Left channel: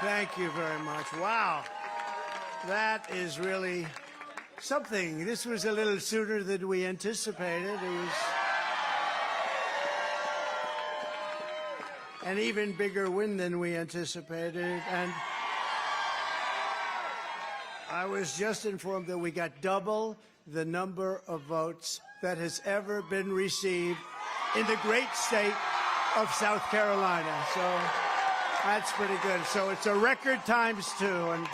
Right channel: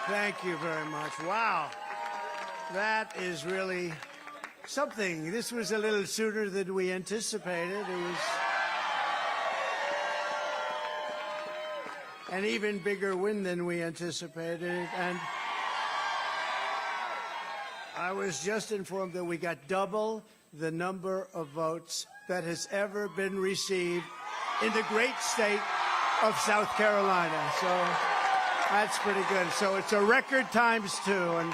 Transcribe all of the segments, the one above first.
Thank you very much. Wow. That is really something. This was a little sooner than we anticipated. It was an even bigger win than we anticipated. And I was just informed that we got double the number of votes that has ever been received in the great state of South Carolina. So that's pretty good. So it's a record times 2. And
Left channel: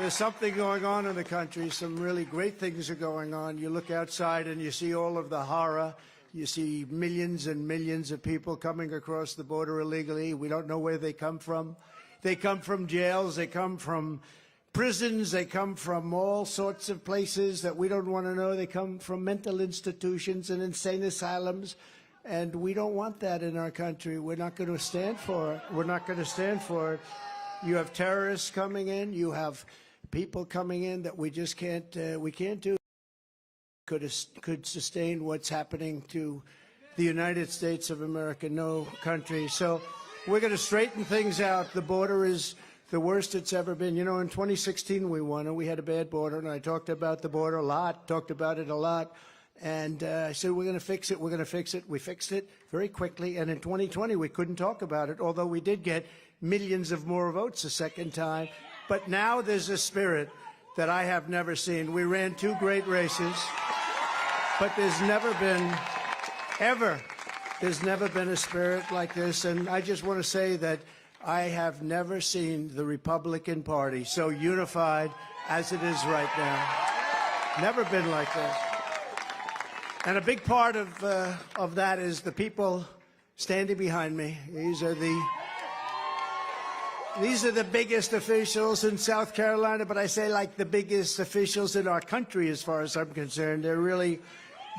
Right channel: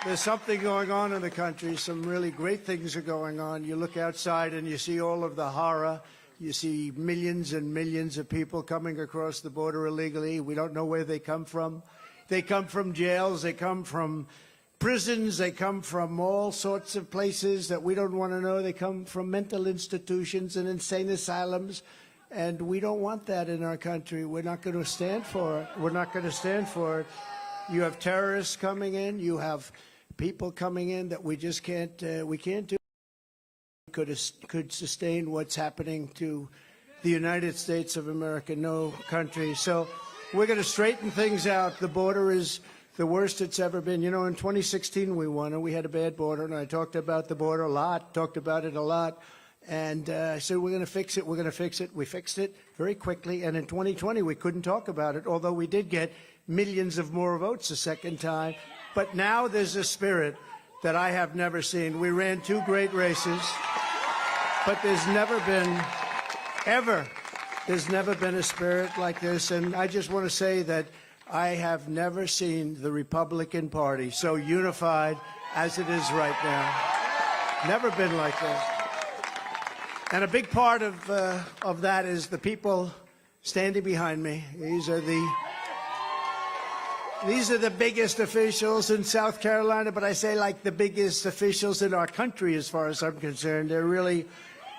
there's something going on in the country. Some really great things are going on. You look outside and you see all of the horror. You see millions and millions of people coming across the border illegally. We don't know where they come from. They come from jails. They come from prisons. They come from all sorts of places that we don't want to know. They come from mental institutions and insane asylums. And we don't want that in our country. We're not going to stand for it. We're not going to stand for it. You have terrorists coming in. You have people coming in that we just can't do. Could sustain what's happening to the United States of America, no country. So we're going to straighten things out. The border is the worst it's ever been. You know, in 2016 we won, and we had a bad border, and I talked about the border a lot, talked about it a lot. And so we're going to fix it, we're going to fix it. We fixed it very quickly, and in 2020 we couldn't talk about it, although we did get millions of more votes the second time. But now there's a spirit that I have never seen. We ran 2 great races, but there's never been a spirit like this. And I just want to say that I have never seen the Republican Party so unified as it is right now. Never been like that. And a big part of that is the people standing behind me. These are the biggest officials in South Carolina, but I say like the biggest officials in our country as far as I'm concerned.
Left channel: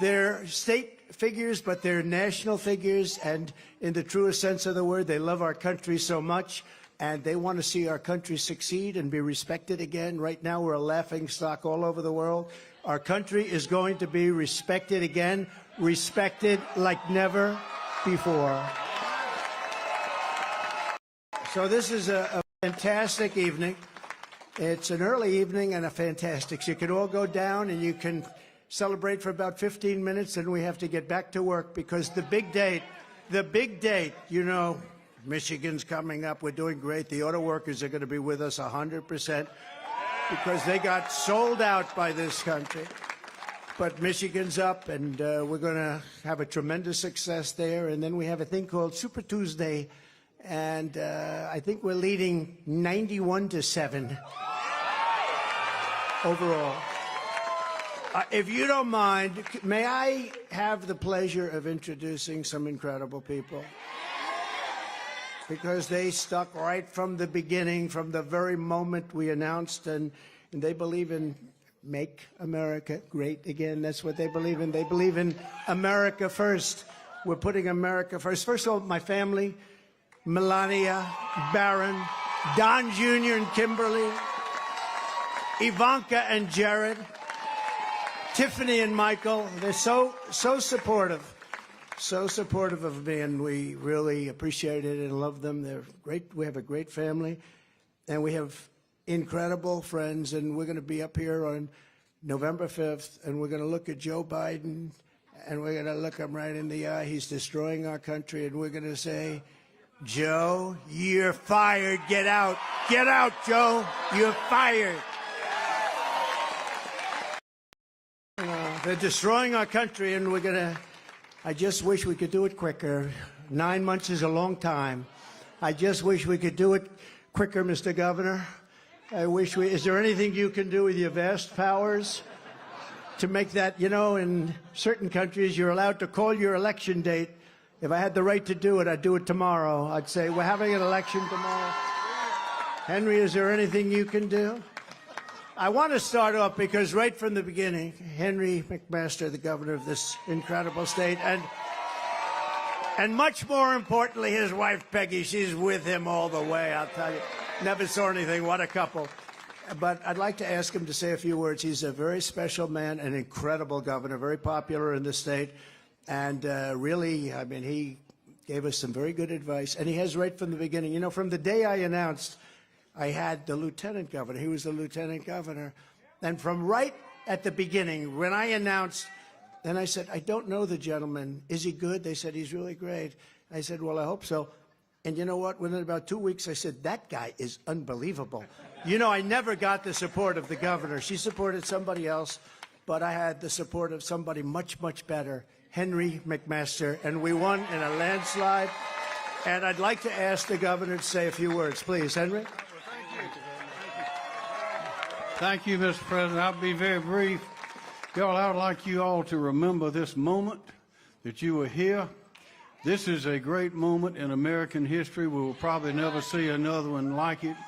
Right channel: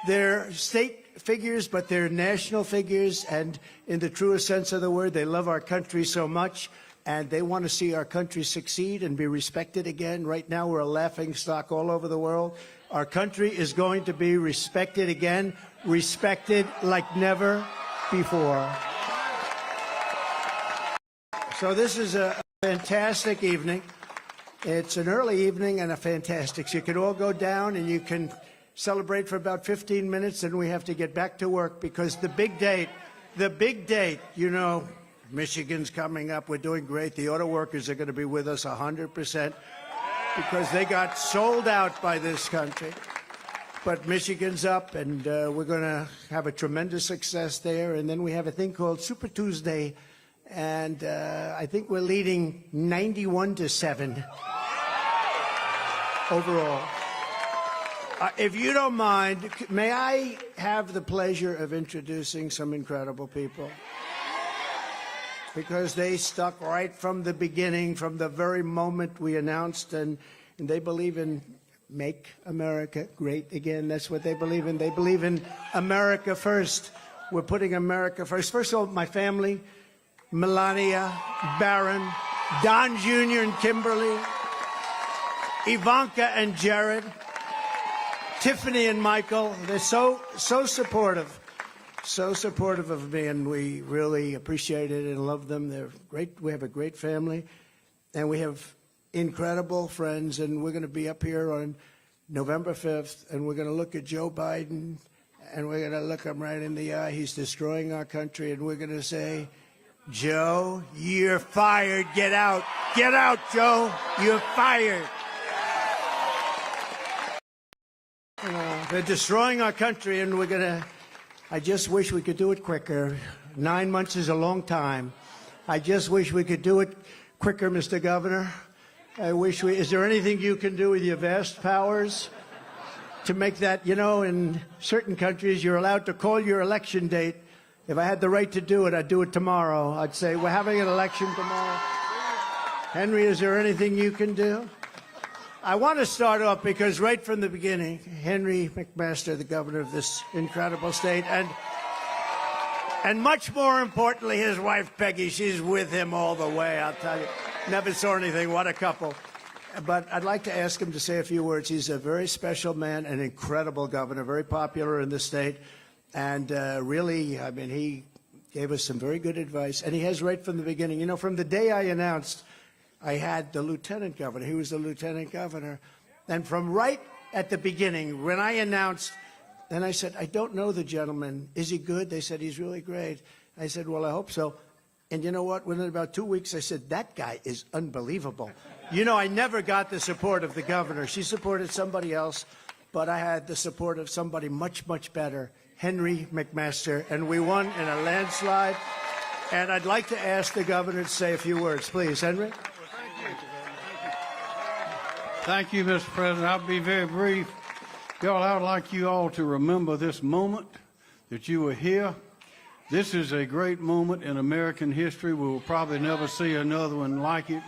They're state figures, but they're national figures, and in the truest sense of the word, they love our country so much, and they want to see our country succeed and be respected again. Right now, we're a laughingstock all over the world. Our country is going to be respected again, respected like never before. So this is a fantastic evening. It's an early evening and a fantastic. So you can all go down and you can celebrate for about 15 minutes, and we have to get back to work because the big date, you know, Michigan's coming up. We're doing great. The auto workers are going to be with us 100% because they got sold out by this country. But Michigan's up, and we're going to have a tremendous success there. And then we have a thing called Super Tuesday, and I think we're leading 91-7 overall. If you don't mind, may I have the pleasure of introducing some incredible people? Because they stuck right from the beginning, from the very moment we announced, and they believe in make America great again. That's what they believe in. They believe in America first. We're putting America first. First of all, my family, Melania, Barron, Don Jr. and Kimberly, Ivanka and Jared, Tiffany and Michael. They're so supportive. So supportive of Ben. We really appreciate it and love them. They're great. We have a great family, and we have incredible friends. And we're going to be up here on November 5th, and we're going to look at Joe Biden, and we're going to look him right in the eye. He's destroying our country, and we're going to say, Joe, you're fired. Get out. Get out, Joe. You're fired. They're destroying our country, and we're going to... I just wish we could do it quicker. 9 months is a long time. I just wish we could do it quicker, Mr. Governor. Is there anything you can do with your vast powers to make that, you know, in certain countries you're allowed to call your election date. If I had the right to do it, I'd do it tomorrow. I'd say, we're having an election tomorrow. Henry, is there anything you can do? I want to start off because right from the beginning, Henry McMaster, the governor of this incredible state, and much more importantly, his wife Peggy, she's with him all the way, I'll tell you. Never saw anything, what a couple. But I'd like to ask him to say a few words. He's a very special man, an incredible governor, very popular in the state, and really, I mean, he gave us some very good advice, and he has right from the beginning. You know, from the day I announced I had the lieutenant governor. He was the lieutenant governor. And from right at the beginning, when I announced, then I said, I don't know the gentleman. Is he good? They said, he's really great. I said, well, I hope so. And you know what? Within about 2 weeks, I said, that guy is unbelievable. You know, I never got the support of the governor. She supported somebody else, but I had the support of somebody much, much better, Henry McMaster, and we won in a landslide. And I'd like to ask the governor to say a few words. Please, Henry. Thank you, Mr. President. I'll be very brief. Y'all, I'd like you all to remember this moment that you were here. This is a great moment in American history. We'll probably never see another one like it.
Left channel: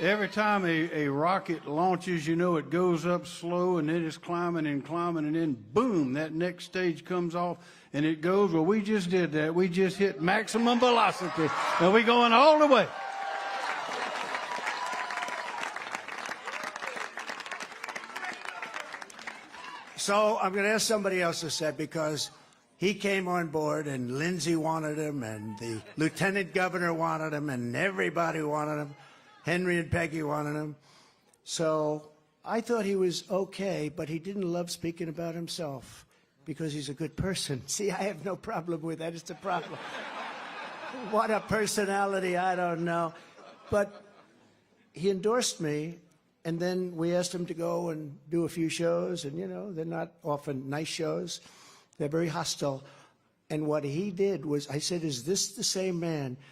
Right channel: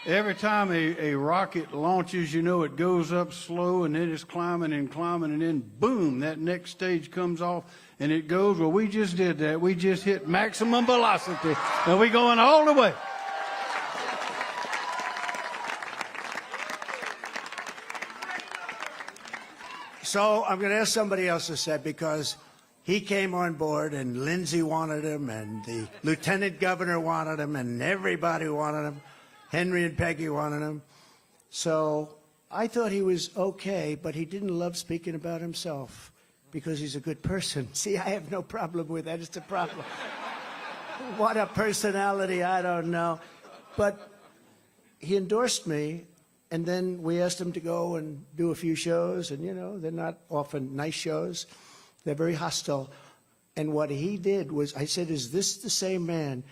Every time a rocket launches, you know, it goes up slow and then it's climbing and climbing, and then boom, that next stage comes off and it goes. Well, we just did that. We just hit maximum velocity and we're going all the way. So I'm going to ask somebody else to say, because he came on board and Lindsay wanted him and the lieutenant governor wanted him and everybody wanted him. Henry and Peggy wanted him. So I thought he was okay, but he didn't love speaking about himself because he's a good person. See, I have no problem with that. It's a problem. What a personality, I don't know. But he endorsed me, and then we asked him to go and do a few shows, and, you know, they're not often nice shows. They're very hostile. And what he did was, I said, is this the same man?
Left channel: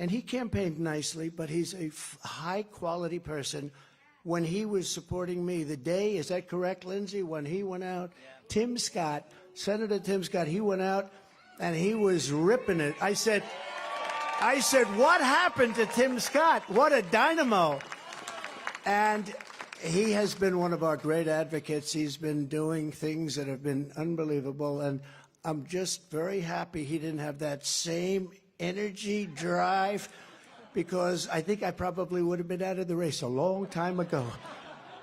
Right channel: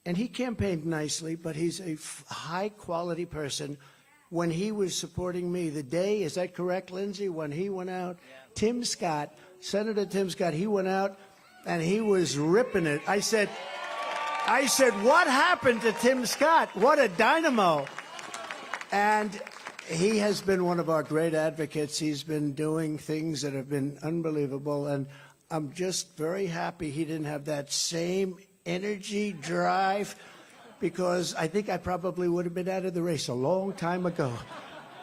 And he campaigned nicely, but he's a high-quality person. When he was supporting me the day, is that correct, Lindsay? When he went out, Tim Scott, Senator Tim Scott, he went out and he was ripping it. I said, what happened to Tim Scott? What a dynamo. And he has been one of our great advocates. He's been doing things that have been unbelievable. And I'm just very happy he didn't have that same energy, drive, because I think I probably would have been out of the race a long time ago.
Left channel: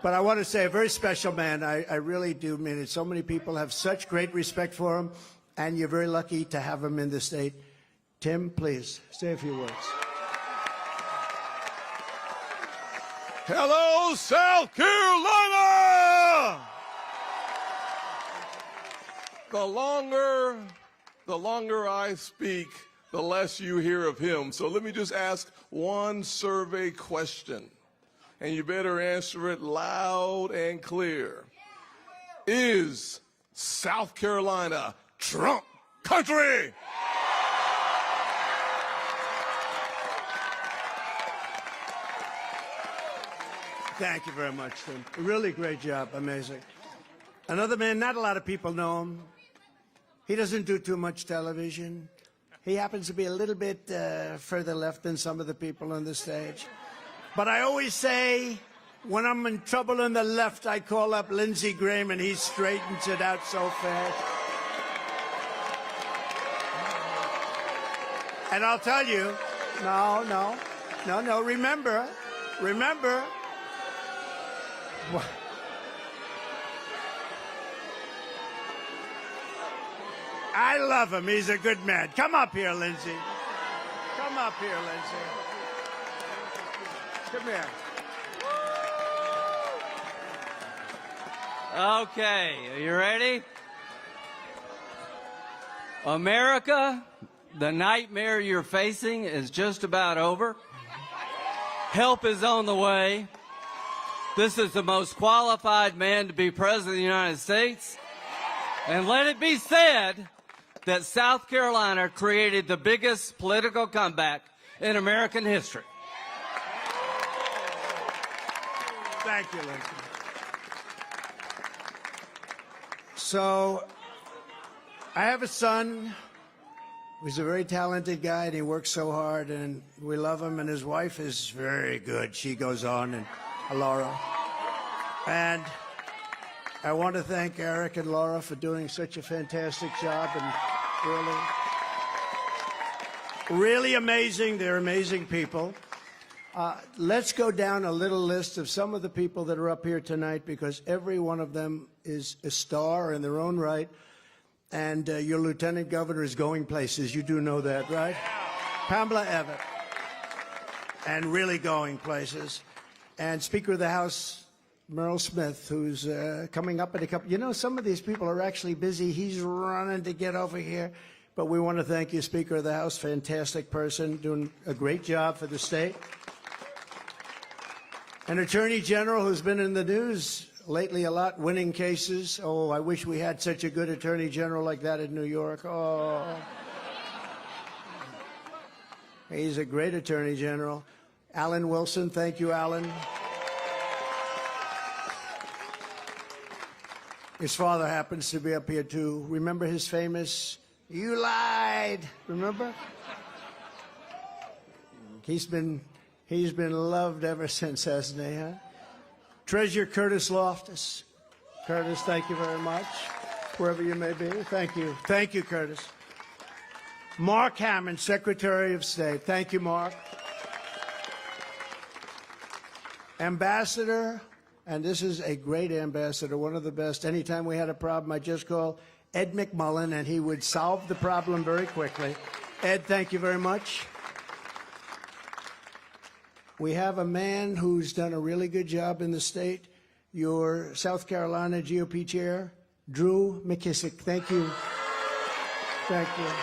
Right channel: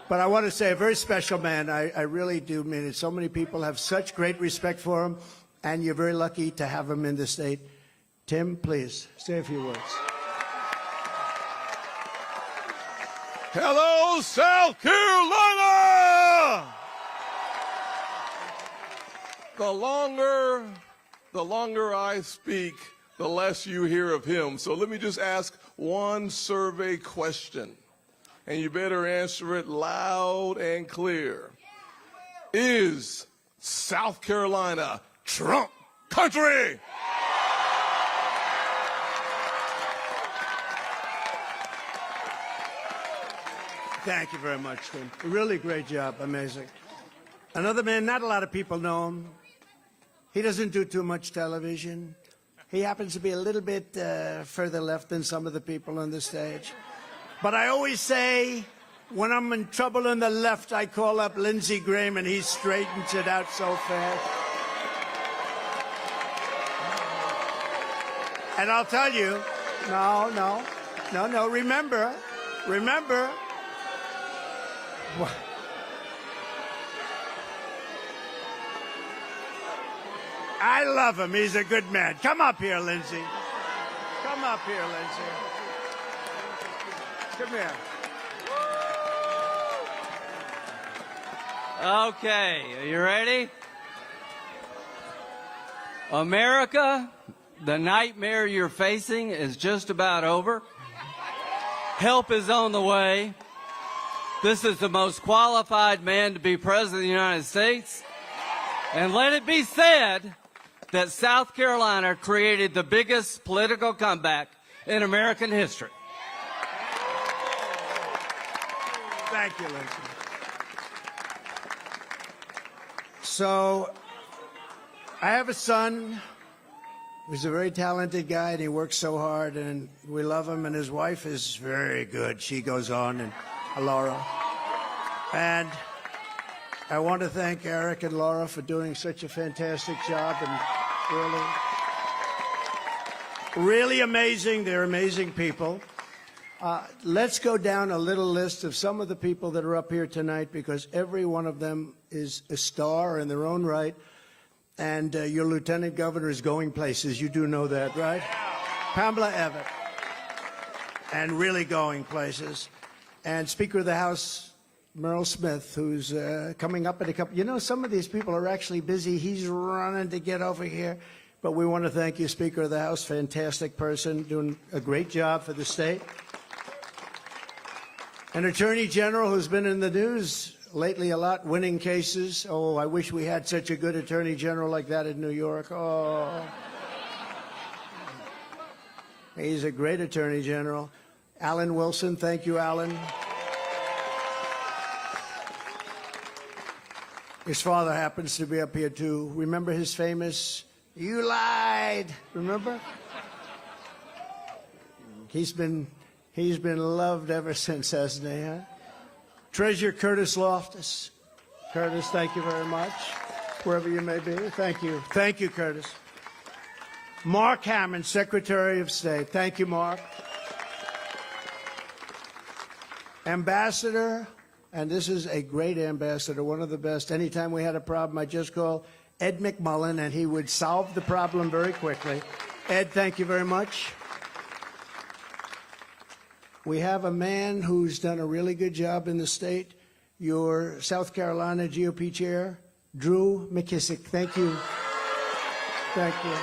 But I want to say a very special man. I really do mean it. So many people have such great respect for him, and you're very lucky to have him in the state. Tim, please, say a few words. Hello, South Carolina! The longer I speak, the less you hear of him. So let me just ask one survey question, and you better answer it loud and clear. Is South Carolina Trump country? Thank you very much, sir. Really great job. Amazing. Another man not a lot of people know him. He doesn't do too much television. He happens to be a little bit further left than some of the people on the stage. But I always say, when I'm in trouble on the left, I call up Lindsey Graham, and he straightens it out so fast. And I'll tell you, no, remember. I love him. He's a good man. Come up here, Lindsay. Come up here, Lindsay. Come here. Okay, you ready? America, the nightmare you're facing is just about over. Help is on the way. This is the most qualified man to be president of the United States. And let it be said that South Carolina created the biggest political comeback in American history. Thank you. So, I have a son who's a very talented guy, and he works so hard, and we love him, and his wife is very good. She goes on, and Laura. And I want to thank Eric and Laura for doing such a fantastic job, and really amazing. They're amazing people. Let's go down a little list of some of the people that are up here tonight, because every one of them is a star in their own right. And your lieutenant governor is going places. You do know that, right? Pamela Abbott. and really going places. And Speaker of the House, Merle Smith, who's coming up in a couple. You know, some of these people are actually busy. He's running to get over here. But we want to thank you, Speaker of the House, fantastic person, doing a great job for the state. An Attorney General who's been in the news lately a lot, winning cases. Oh, I wish we had such a good Attorney General like that in New York. Oh. He's a great Attorney General. Alan Wilson, thank you, Alan. His father happens to be up here, too. Remember his famous, "You lied." Remember? He's been loved ever since, hasn't he? Huh? Treasurer Curtis Loftus. Curtis, thank you very much. Wherever you may be, thank you. Thank you, Curtis. Mark Hammond, Secretary of State. Thank you, Mark. Ambassador, and this is a great ambassador, one of the best. Anytime we had a problem, I just called Ed McMullen, and he would solve the problem very quickly. Ed, thank you very much. We have a man who's done a really good job in the state, your South Carolina GOP chair, Drew McKissick. Thank you. Thank you.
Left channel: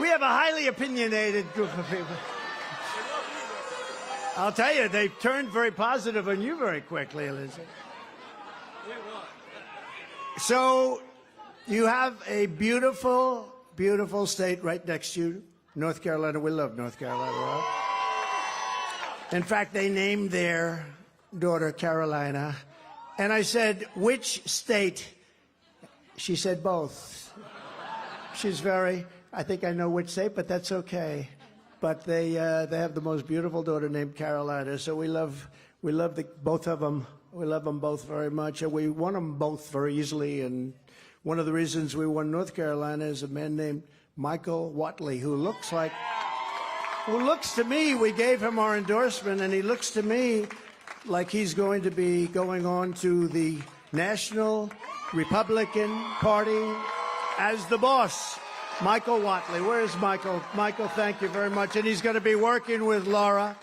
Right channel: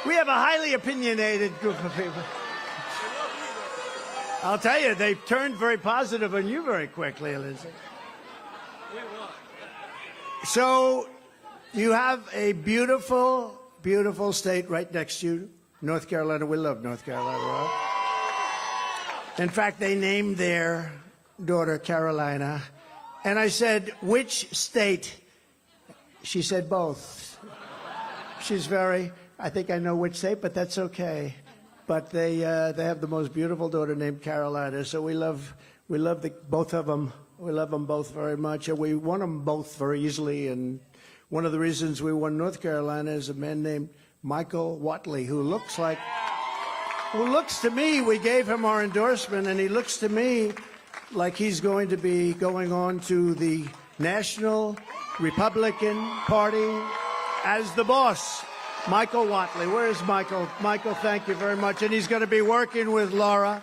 We have a highly opinionated group of people. I'll tell you, they turned very positive on you very quickly. So, you have a beautiful, beautiful state right next to you, North Carolina. We love North Carolina. In fact, they named their daughter Carolina. And I said, which state? She said both. She's very, I think I know which state, but that's okay. But they have the most beautiful daughter named Carolina, so we love both of them. We love them both very much, and we won them both very easily. And one of the reasons we won North Carolina is a man named Michael Watley, who looks to me, we gave him our endorsement, and he looks to me like he's going to be going on to the National Republican Party as the boss. Michael Watley. Where is Michael? Michael, thank you very much. And he's going to be working with Laura.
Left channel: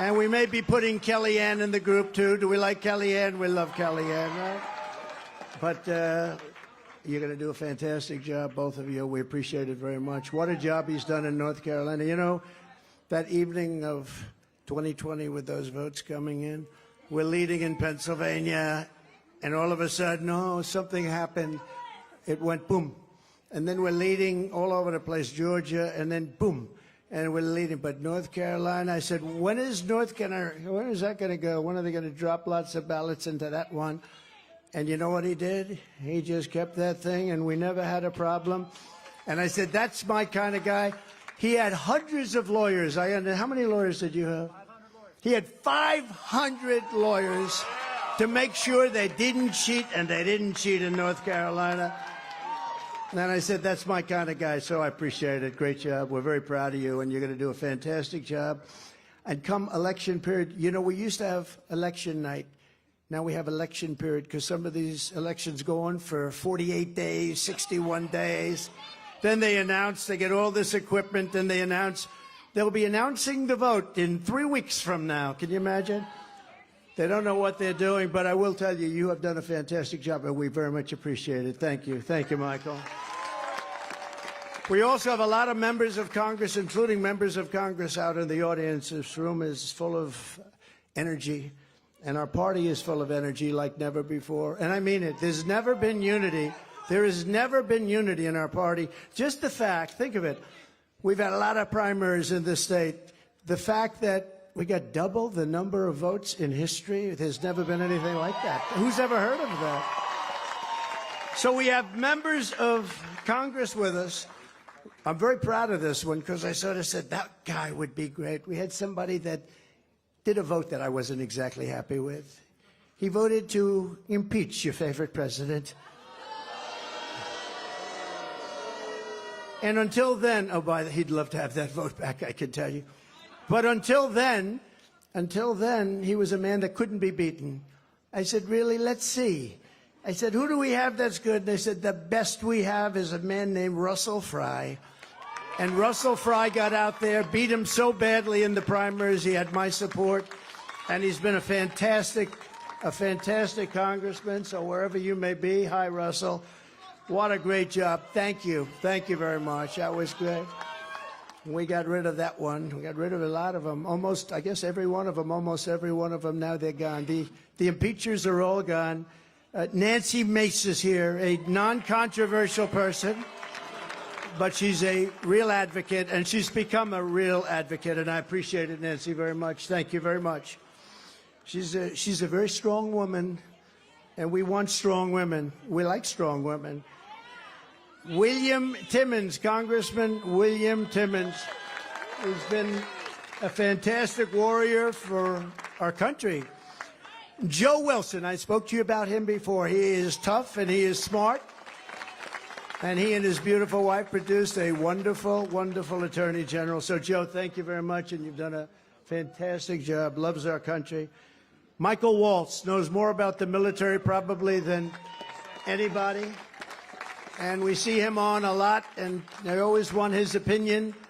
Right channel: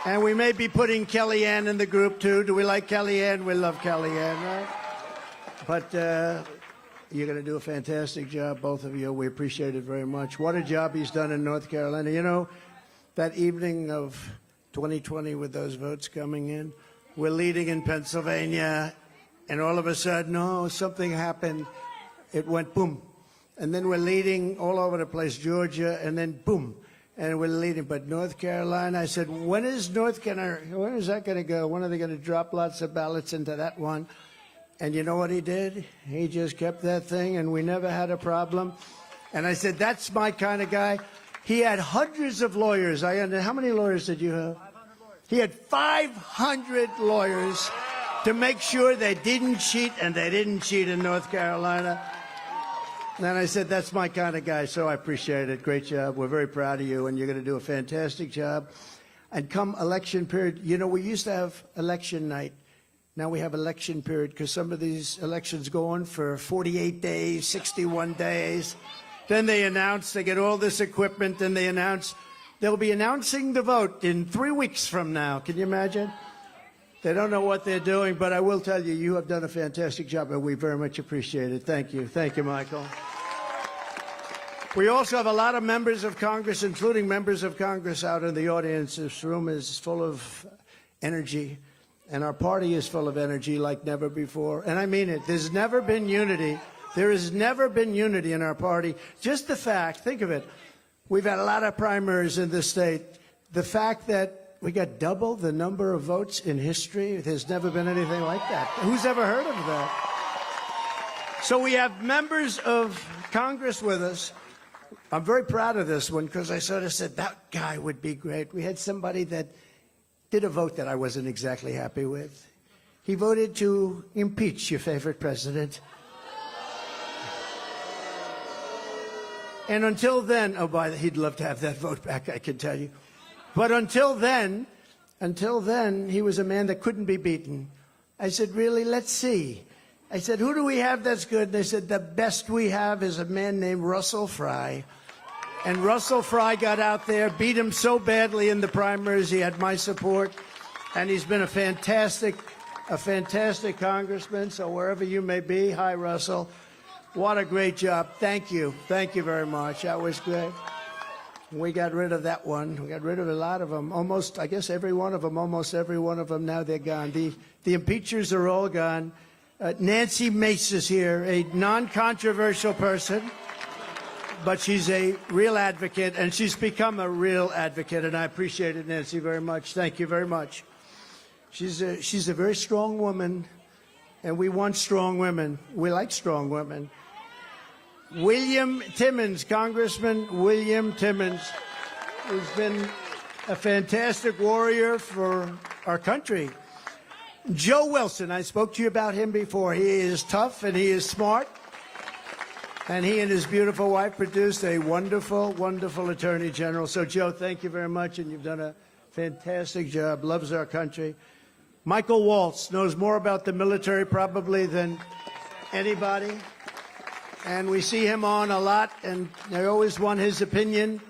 And we may be putting Kellyanne in the group, too. Do we like Kellyanne? We love Kellyanne. But you're going to do a fantastic job, both of you. We appreciate it very much. What a job he's done in North Carolina. You know, that evening of 2020 with those votes coming in, we're leading in Pennsylvania. And all of a sudden, something happened. It went boom. And then we're leading all over the place, Georgia, and then boom. And we're leading. But North Carolina, I said, when is that going to go? When are they going to drop lots of ballots into that one? And you know what he did? He just kept that thing, and we never had a problem. And I said, that's my kind of guy. He had hundreds of lawyers. How many lawyers did you have? He had 500 lawyers to make sure they didn't cheat, and they didn't cheat in North Carolina. And I said, that's my kind of guy, so I appreciate it. Great job. We're very proud of you, and you're going to do a fantastic job. And come election period, you know, we used to have election night. Now we have election period because some of these elections go on for 48 days, 61 days. Then they announce, they get all this equipment, and they announce, they'll be announcing the vote in 3 weeks from now. Can you imagine? They don't know what they're doing, but I will tell you, you have done a fantastic job, and we very much appreciate it. Thank you. Thank you, Michael. We also have a lot of members of Congress, including members of Congress out of the audience. This room is full of energy, and our party is full of energy like never before. And I mean it. There's never been unity. There has never been unity in our party. Just the fact, think of it, we've got a lot of primaries in the state. The fact that we got double the number of votes in history. There's never been anything like that. Who's ever heard of that? So we have members of Congress with us. I'm very proud of this one because I sort of said that guy would be great. We had somebody that did a vote that I wasn't exactly happy with. He voted to impeach your favorite president. And until then, he'd love to have that vote back, I can tell you. But until then, he was a man that couldn't be beaten. I said, really? Let's see. I said, who do we have that's good? They said, the best we have is a man named Russell Fry. And Russell Fry got out there, beat him so badly in the primaries, he had my support, and he's been a fantastic congressman, so wherever you may be, hi, Russell. What a great job. Thank you. Thank you very much. That was good. We got rid of that one. We got rid of a lot of them. Almost, I guess every one of them, almost every one of them, now they're gone. The impeachers are all gone. Nancy Mace is here, a non-controversial person, but she's a real advocate, and she's become a real advocate, and I appreciate it, Nancy, very much. Thank you very much. She's a very strong woman, and we want strong women. We like strong women. William Timmons, Congressman William Timmons, who's been a fantastic warrior for our country. Joe Wilson, I spoke to you about him before. He is tough and he is smart. And he and his beautiful wife produced a wonderful, wonderful Attorney General. So, Joe, thank you very much, and you've done a fantastic job. Loves our country. Michael Waltz knows more about the military probably than anybody. And we see him on a lot, and they always want his opinion.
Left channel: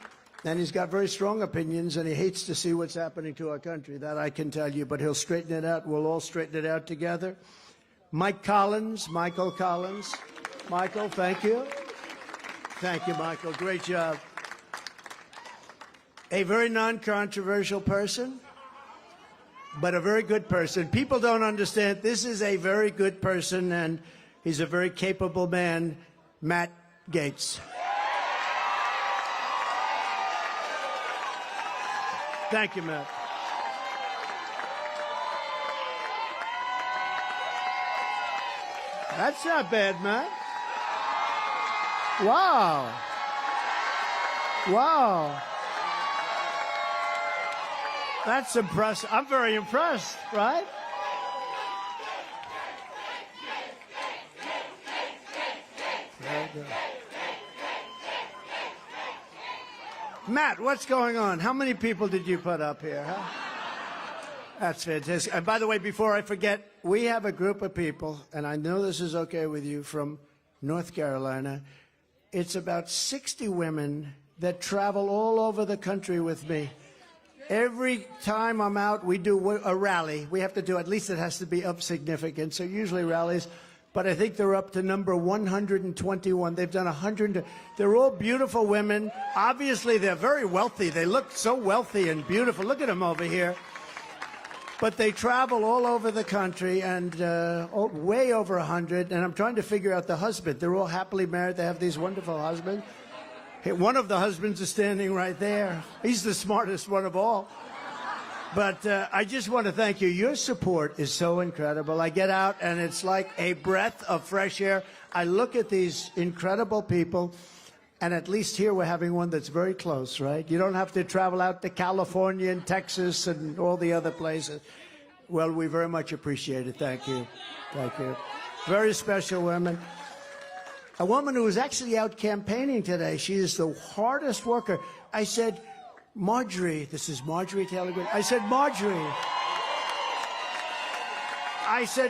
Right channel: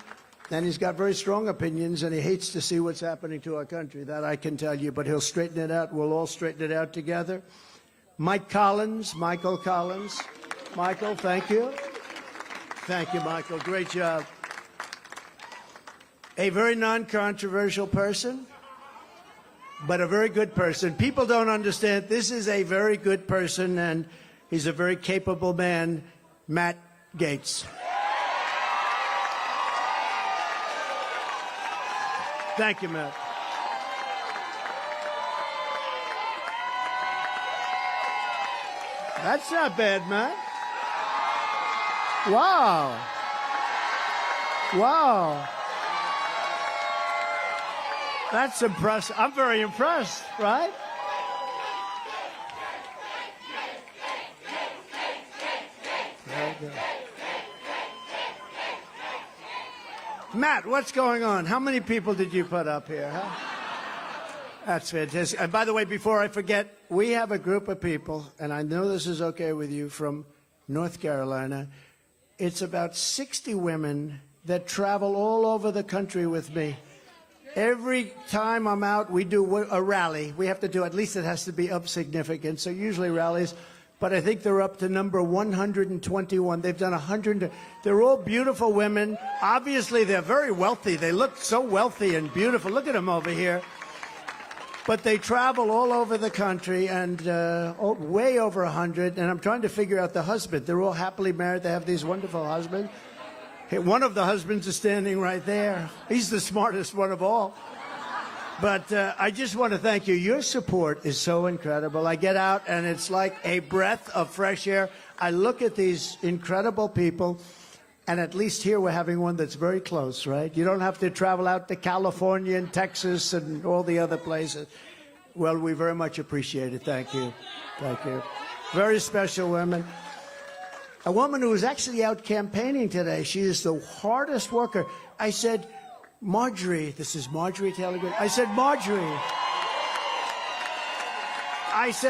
And he's got very strong opinions, and he hates to see what's happening to our country. That I can tell you, but he'll straighten it out. We'll all straighten it out together. Michael Collins. Michael, thank you. Thank you, Michael. Great job. A very non-controversial person, but a very good person. People don't understand. This is a very good person, and he's a very capable man, Matt Gaetz. Thank you, Matt. That's not bad, Matt. Wow. Wow. That's impressive. I'm very impressed, right? Matt, what's going on? How many people did you put up here? That's fantastic. And by the way, before I forget, we have a group of people, and I know this is okay with you, from North Carolina. It's about 60 women that travel all over the country with me. Every time I'm out, we do a rally. We have to do, at least it has to be of significance, so usually rallies. But I think they're up to number 121. They've done 100. They're all beautiful women. Obviously, they're very wealthy. They look so wealthy and beautiful. Look at them over here. But they travel all over the country, and way over 100. And I'm trying to figure out the husband. They're all happily married. They have these wonderful husbands. One of the husbands is standing right there. He's the smartest one of all. But I just want to thank you. Your support is so incredible. I get out, and it's like a breath of fresh air. I look at these incredible people, and at least here we're having one that's very close, right? You don't have to travel out to California and Texas and all the other places. Well, we very much appreciate it. Thank you. Thank you. Very special woman. A woman who was actually out campaigning today. She is the hardest worker. I said, Marjorie, this is Marjorie telling me. I said,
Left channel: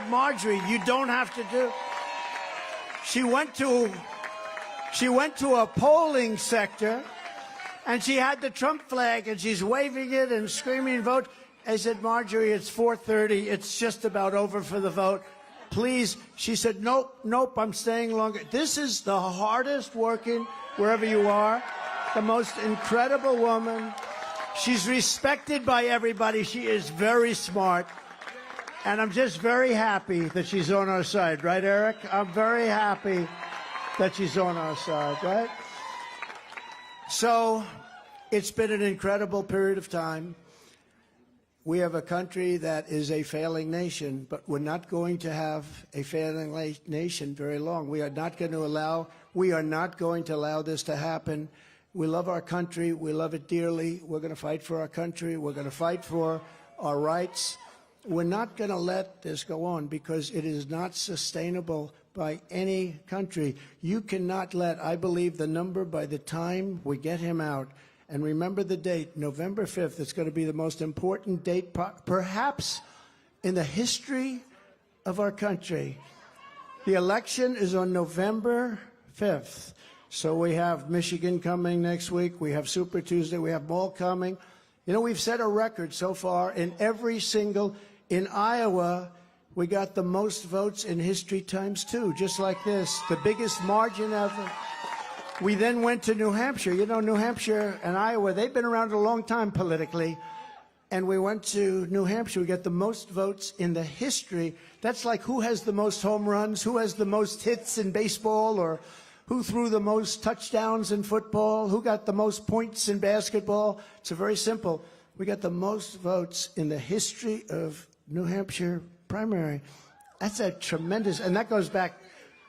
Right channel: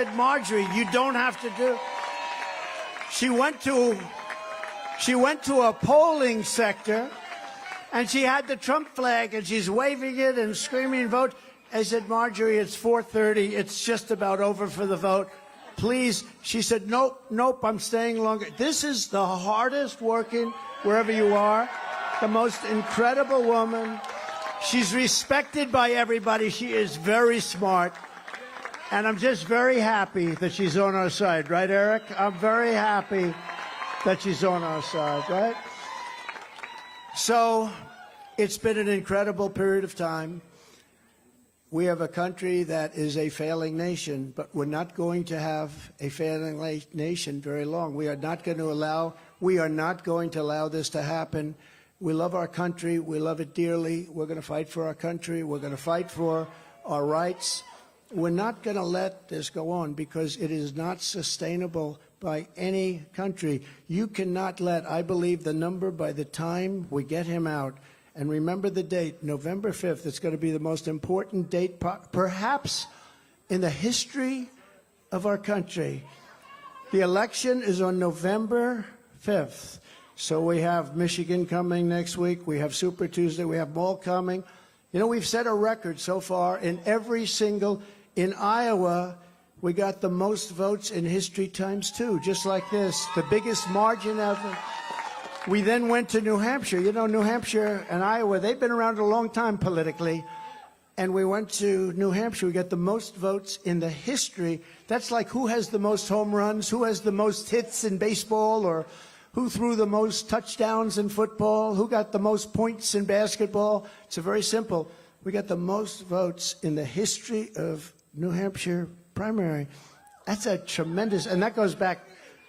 Marjorie, you don't have to do it. She went to a polling sector, and she had the Trump flag, and she's waving it and screaming, vote. I said, Marjorie, it's 4:30. It's just about over for the vote. Please. She said, nope, I'm staying longer. This is the hardest working, wherever you are, the most incredible woman. She's respected by everybody. She is very smart. And I'm just very happy that she's on our side. Right, Eric? I'm very happy that she's on our side, right? So it's been an incredible period of time. We have a country that is a failing nation, but we're not going to have a failing nation very long. We are not going to allow this to happen. We love our country. We love it dearly. We're going to fight for our country. We're going to fight for our rights. We're not going to let this go on because it is not sustainable by any country. You cannot let, I believe, the number by the time we get him out. And remember the date, November 5th. It's going to be the most important date, perhaps in the history of our country. The election is on November 5th. So we have Michigan coming next week. We have Super Tuesday. We have Ball coming. You know, we've set a record so far in in Iowa, we got the most votes in history times two, just like this. The biggest margin ever. We then went to New Hampshire. You know, New Hampshire and Iowa, they've been around a long time politically. And we went to New Hampshire. We got the most votes in the history. That's like who has the most home runs, who has the most hits in baseball, or who threw the most touchdowns in football, who got the most points in basketball. It's very simple. We got the most votes in the history of New Hampshire primary. That's a tremendous, and that goes back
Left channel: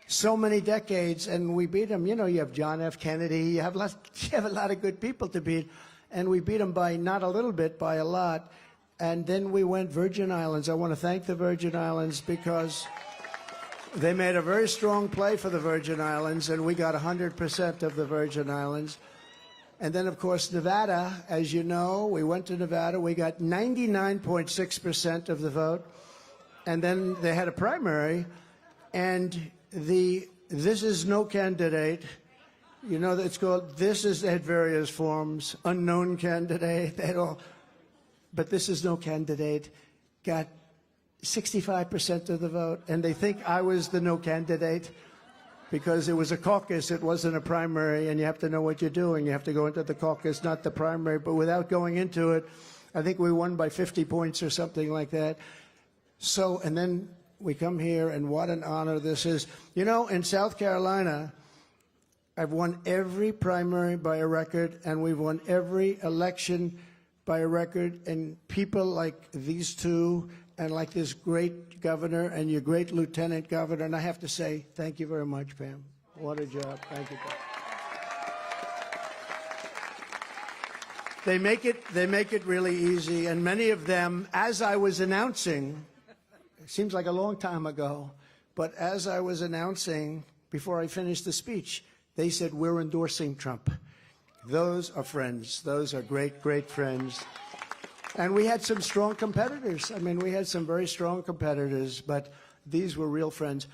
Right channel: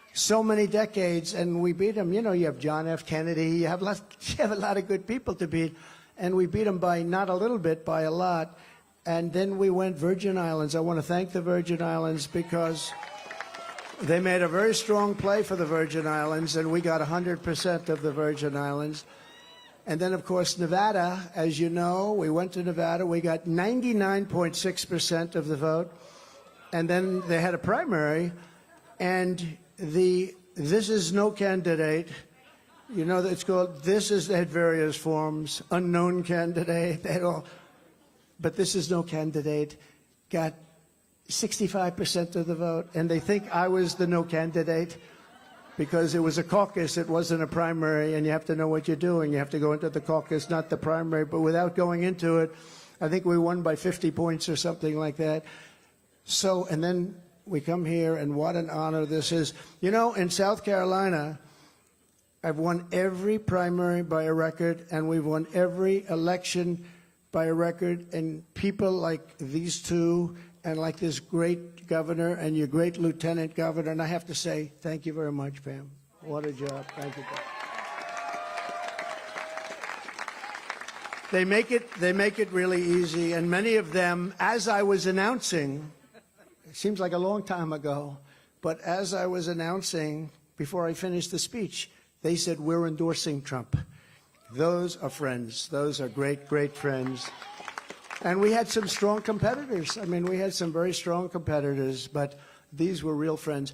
so many decades, and we beat them. You know, you have John F. Kennedy, you have a lot of good people to beat, and we beat them by not a little bit, by a lot. And then we went Virgin Islands. I want to thank the Virgin Islands because they made a very strong play for the Virgin Islands, and we got 100% of the Virgin Islands. And then, of course, Nevada, as you know, we went to Nevada. We got 99.6% of the vote. And then they had a primary, and this is no candidate. You know, it's called this is at various forms, unknown candidate, but this is no candidate, got 65% of the vote, and they think I was the no candidate because it was a caucus, it wasn't a primary, and you have to know what you're doing. You have to go into the caucus, not the primary, but without going into it, I think we won by 50 points or something like that. So, and then we come here, and what an honor this is. You know, in South Carolina, I've won every primary by record, and we won every election by record, and people like these two, and like this great governor, and your great lieutenant governor, and I have to say, thank you very much, Pam. What a job. Thank you. They make it really easy, and many of them, as I was announcing, it seems like a long time ago, but as I was announcing, before I finished the speech, they said, we're endorsing Trump. Those are friends. Those are great, great friends. And we had some strong competitors. I mean, we had some very strong competitors, but these were real friends.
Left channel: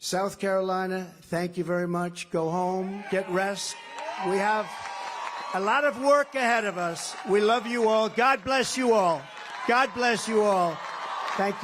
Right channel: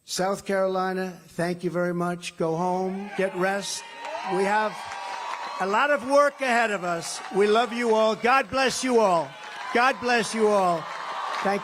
South Carolina, thank you very much. Go home, get rest. We have a lot of work ahead of us. We love you all. God bless you all. God bless you all. Thank you.